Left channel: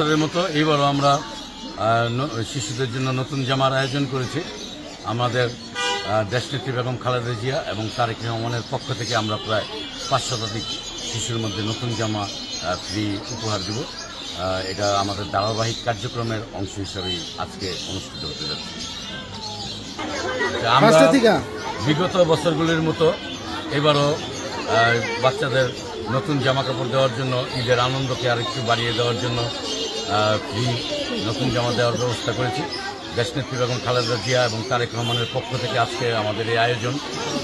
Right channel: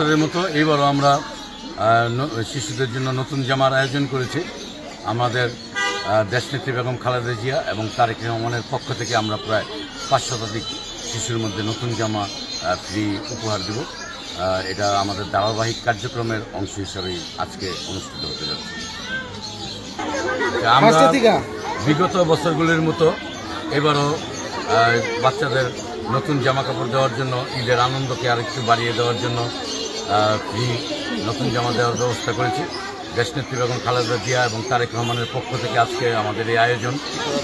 বছরের মতো এইবারও আমরা শিশুদের জন্য নতুন জামার আয়োজন করেছি। আমাদের দেশনেত্রী বেগম খালেদা জিয়া এবং তারেক রহমানের পক্ষ থেকে আমরা প্রায় 5 শতাধিক শিশুর মধ্যে নতুন জামা ফ্রি উপহার দেব। এটা আমাদের ধারাবাহিক কার্যক্রমের অংশ হিসাবেই আজকে অনুষ্ঠিত হতে যাচ্ছে। আমরা বিগত বছরগুলির মতো এবারও বাচ্চাদের নতুন জামা কাপড় দেওয়ার জন্য, ঈদের আনন্দকে আরেকটু বাড়িয়ে দেওয়ার জন্য ফ্রি নতুন জামা দেওয়ার ব্যবস্থা করেছি। দেশনেত্রী বেগম খালেদা জিয়া এবং তারেক রহমানের পক্ষ থেকে আজকে আমাদের এই আয়োজন।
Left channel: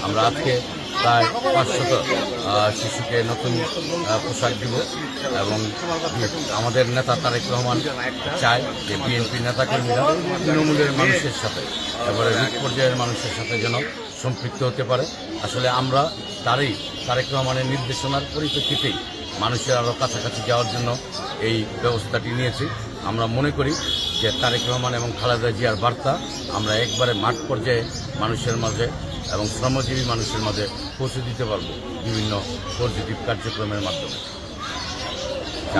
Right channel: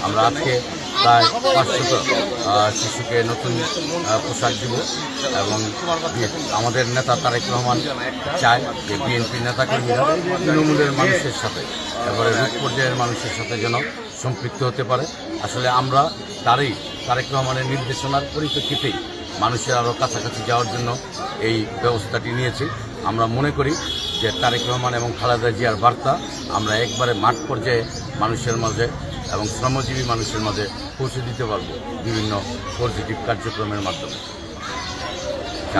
আমরা আজকে প্রায় 500 শিশুকে নতুন পোশাক দিব এবং আমাদের নেতা তারেক রহমান চায় যে বিএনপি নেতাকর্মীরা তৃণমূলের মানুষের সাথে, এবারে রূপ পর্যায়ের মানুষের সাথে যেন সম্পৃক্ত হতে পারে। আসলে আমরা তারেক রহমানের নির্দেশনার পরিপ্রেক্ষিতেই মানুষের আরও কাছাকাছি যাওয়ার জন্য এই ব্যবস্থাটি নিয়েছি। আমরা মনে করি যে তারেক রহমান এবং খালেদা জিয়ার বার্তা আমরা একবারে মাঠ পর্যায়ে মানুষের মাঝে এবং শ্রমজীবী মানুষের মাঝে পৌঁছে দিতে পারব বিভিন্ন পজিটিভ কার্যক্রমের মাধ্যমে।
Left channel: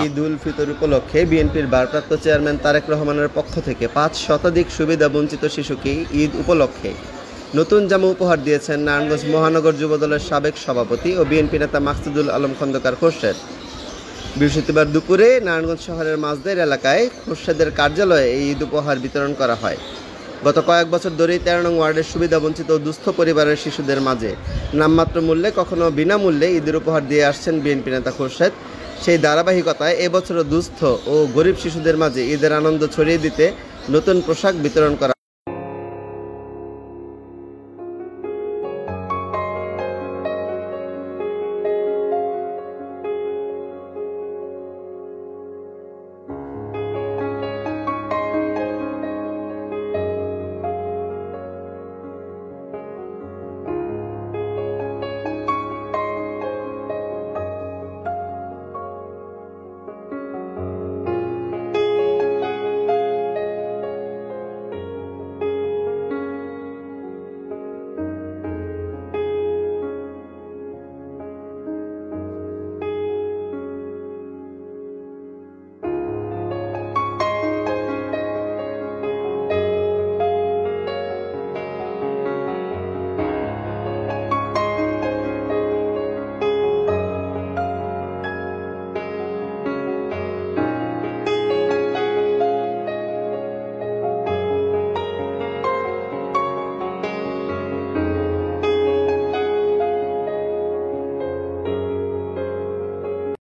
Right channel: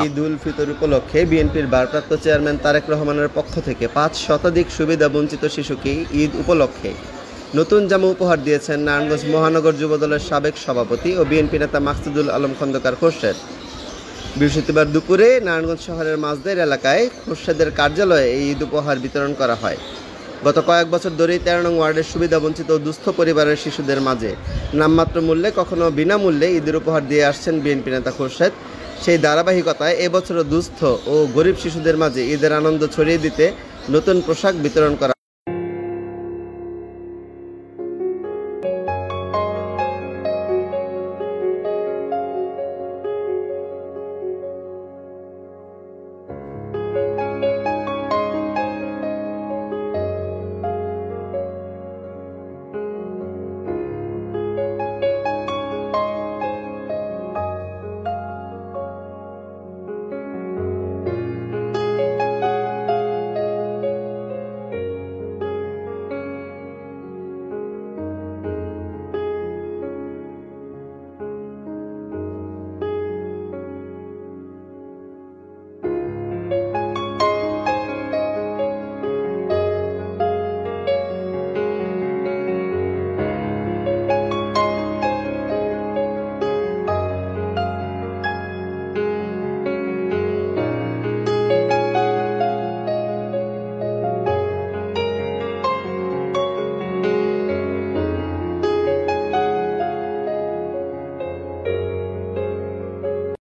ঈদ উল ফিতর উপলক্ষে বিএনপির ভারপ্রাপ্ত চেয়ারম্যান তারেক রহমানের পক্ষ থেকে 5 শতাধিক সুবিধা বঞ্চিত শিশুকে ঈদ উপলক্ষে নতুন জামা উপহার দিয়েছেন নারায়ণগঞ্জ মহানগর যুবদলের সাবেক সভাপতি ও বিএনপি নেতা মাকসুদুল আলম খন্দকার খোরশেদ। বৃহস্পতিবার দুপুরে নারায়ণগঞ্জ শহরের মাঝদের এলাকায় খোরশেদের কার্যালয়ে এই ঈদ উপহার বিতরণ করা হয়। গত কয়েক বছর ধরেই 13 নং ওয়ার্ডের সুবিধাবঞ্চিত ও দুস্থ পরিবারের শিশুদের মাঝে নামমাত্র মূল্যে কখনো বিনামূল্যে ঈদের উপহার দিয়ে আসছেন বিএনপি নেতা খোরশেদ। সেই ধারাবাহিকতায় এবছরও দুস্থ ও গরিব শিশুদের মাঝে ঈদের আনন্দ ছড়িয়ে দিতে নতুন পোশাক বিতরণ করা